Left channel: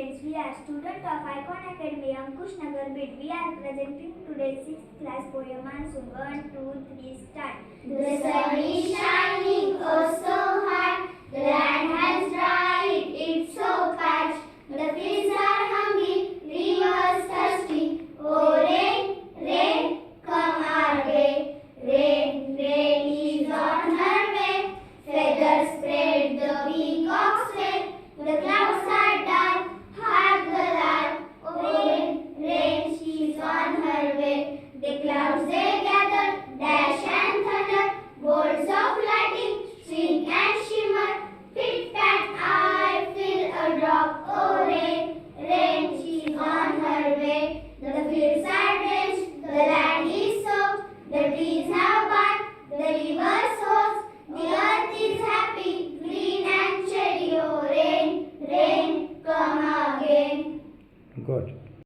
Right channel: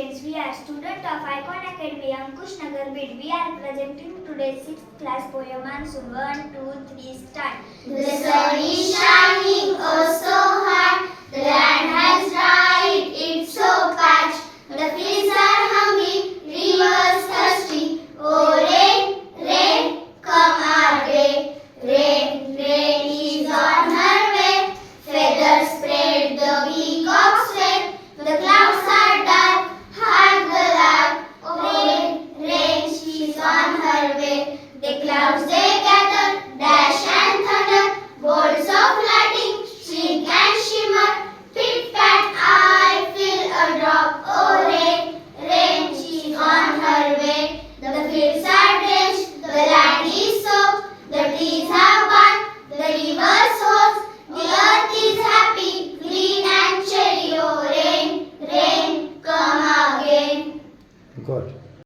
students. We are students of Icon Academy, Ankush Nagar, Bid. We are presenting today's 6th class poem Monsoon. 1, 2, 3, start. The sun is shining oh so hard. The land has dried, it's so parched. The fields are hungry, rivers thirsty. Oh rain, rain, come our way. Rain, rain is on her way. Feathers spread, the peacocks wave. The clouds are dark, hark the lark. Oh rain, rain, she's on her way. The clouds they gather, dash and thunder. Bolts of lightning, streak and shimmer. Pit pat, I feel a drop. Oh rain, rain, she's on her way. The fields are drenched, the land is soaked. The trees have burned, the rivers soaked. The earth is happy, green and cherry. Oh rain, rain, come again. Good.